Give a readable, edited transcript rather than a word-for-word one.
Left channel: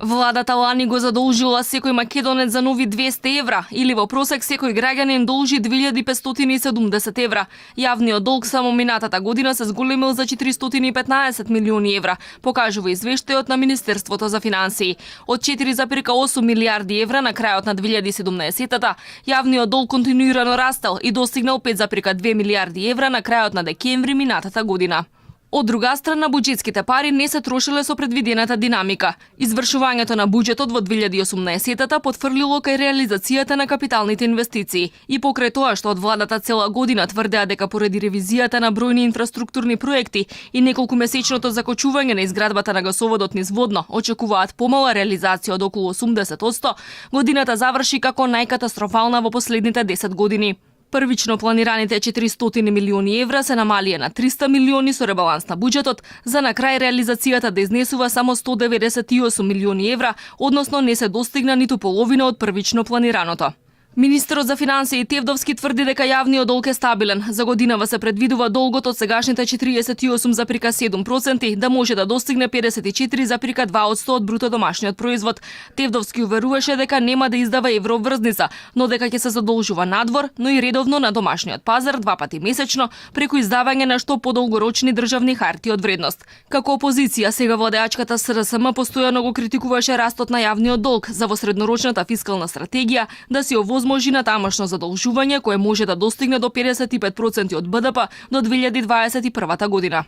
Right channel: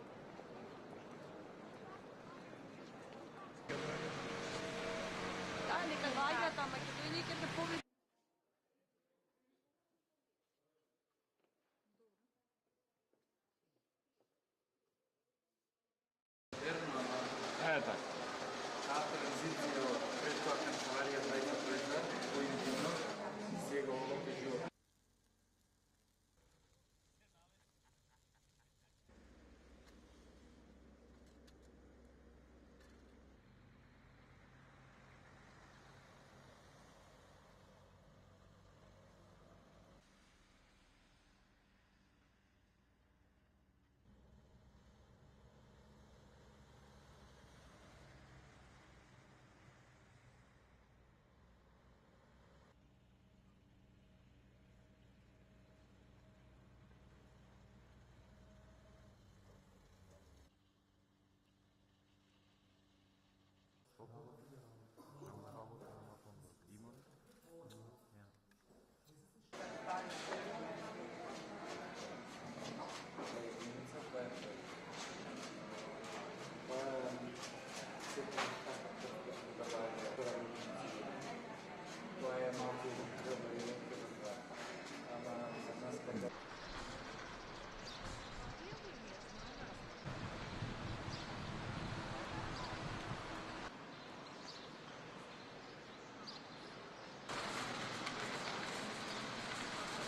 Владата лани го задолжила секој македонец за нови 200 евра, или во просек секој граѓанин должи 2570 евра. Јавниот долг само минатата година се зголемил за 415 милиони евра, покажува извештајот на Министерството за финансии. Од 4,8 милиарди евра на крајот на 2017-та, јавниот долг континуирано растел и достигнал 5,2 милиарди евра на крајот на декември минатата година. Од друга страна, буџетските пари не се трошеле со предвидената динамика. Извршувањето на буџетот во 2018-та потврлило кај реализацијата на капиталните инвестиции. И покрај тоа што од владата цела година тврдеа дека поради ревизијата на бројни инфраструктурни проекти и неколкумесечното закочување на изградбата на гасоводот низ Водно очекуваат помала реализација од околу 80%, годината заврши како најкатастрофална во последните 10 години. Првично планираните 400 милиони евра се намалија на 300 милиони со ребаланс на буџетот, за на крај реализацијата да изнесува само 198 милиони евра, односно не се достигна ниту половина од првично планираното. Министерот за финансии Тевдовски тврди дека јавниот долг е стабилен. За годинава се предвидува долгот од сегашните 48,7% да може да достигне 54,2% од бруто домашниот производ. Тевдовски уверуваше дека нема да издава евроврзница, но дека ќе се задолжува надвор, но и редовно на домашниот пазар 2 пати месечно преку издавање на што подолгорочни државни харти од вредност. Како опозиција, сега владеачката СРСМ постојано го критикуваше растот на јавниот долг за во среднорочната фискална стратегија да се овозможи на тамошно задолжување кое може да достигне до 55% од БДП до 2021 година.